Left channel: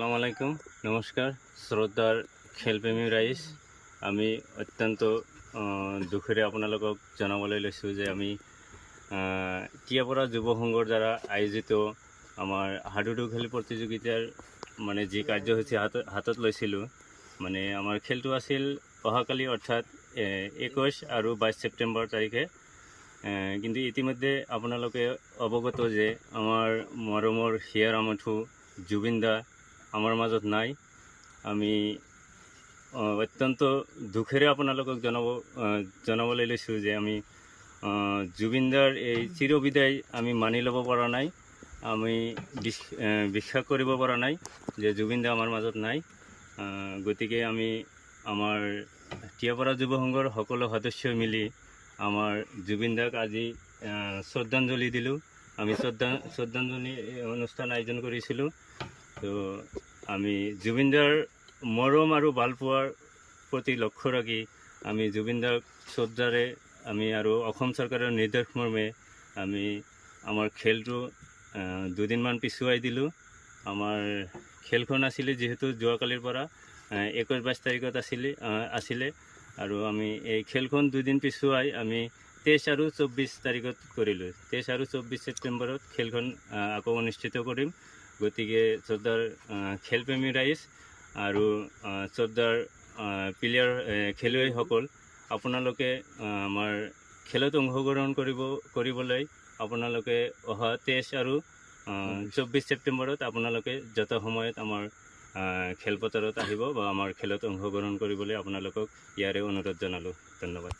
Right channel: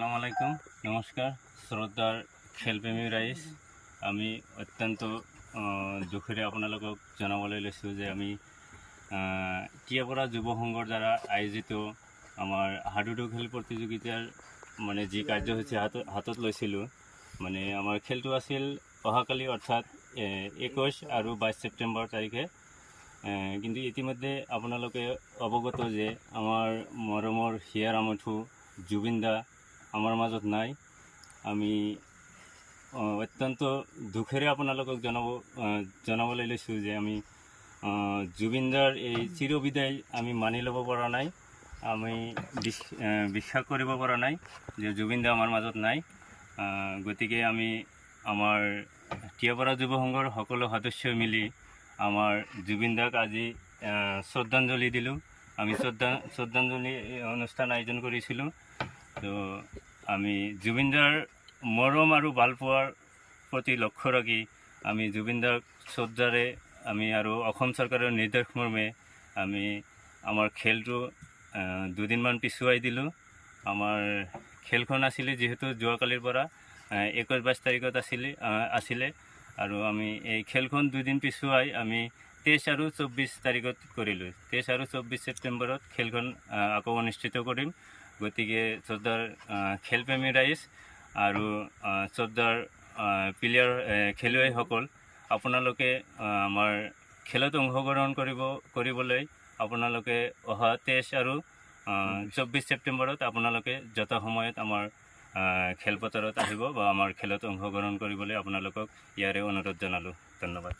আসসালামু আলাইকুম, নমস্কাৰ শ্ৰদ্ধাৰ খেলপ্ৰেমী ৰাইজ। আমি অত্যন্ত দুখেৰে আপোনালোকক জনাবলৈ লৈছোঁ যে আমি টিয়াপাৰা যুৱ সংঘৰ দ্বাৰা আয়োজিত আমাৰ হাডুডু খেল প্ৰতিযোগিতাৰ মানে যি কাৰ্যসূচী হাতত লৈছিলোঁ, মানে আমাৰ খেলটো আছিল অহাকালি অৰ্থাৎ 21 আৰু 22 ছেপ্টেম্বৰ তাৰিখে। কিন্তু ইতিমধ্যে আপোনালোকে অৱগত যে আমাৰ মৰমৰ হিয়াৰ আমঠু জুবিন দা আমাৰ মাজত নাই। আমি অত্যন্ত দুখেৰে আপোনালোকক জনাবলৈ লৈছোঁ যে আমি জুবিন দাৰ এই চিৰবিদায় আমি মানি ল'ব পৰা নাই, আমি বিশ্বাস কৰিব পৰা নাই যে জুবিন দা আমাৰ মাজত নাই। গতিকে আমি আমাৰ টিয়াপাৰা যুৱ সংঘৰ সকলো সদস্যই মিলি আমাৰ জুবিন দাক আজি শ্ৰদ্ধাঞ্জলি দিলোঁ। আমি শ্ৰদ্ধাঞ্জলি অনুষ্ঠান আয়োজন কৰিছিলোঁ। তো আমি জুবিন দাৰ মৰম আৰু ভালপোৱাৰ প্ৰতি লক্ষ্য ৰাখি আমি জুবিন দাক শ্ৰদ্ধাৰে আমি আৰু অসম চৰকাৰৰ নিৰ্দেশ মৰ্মে আমি আমাৰ খেলটো দুদিনমান পিছুৱাই দিলোঁ। আমাৰ খেলখন আছিলে যিহেতু যোৱাকালিৰ পৰা 21-22 তাৰিখত আছিলে আৰু আমি এই খেলখন দুদিন পিছুৱাই আমি 23 আৰু 24 তাৰিখত কৰিলোঁ। 23 আৰু 24 ছেপ্টেম্বৰত খেলখন আকৌ অনুষ্ঠিত কৰিম। গতিকে শ্ৰদ্ধাৰ খেলপ্ৰেমী ৰাইজ আৰু শ্ৰদ্ধাৰ খেলুৱৈসকল, আপোনালোকে আমাৰ খেলত অংশগ্ৰহণ কৰিবলৈ আপোনালোকে অহা 23 আৰু 24 ছেপ্টেম্বৰত আপোনালোকে যত সময়ত আমাৰ খেলপথাৰত আহিব বা আমাৰ খেলত অংশগ্ৰহণ কৰিবলৈ আপোনালোকক ইয়াৰে অনুৰোধ জনালোঁ। ধন্যবাদ।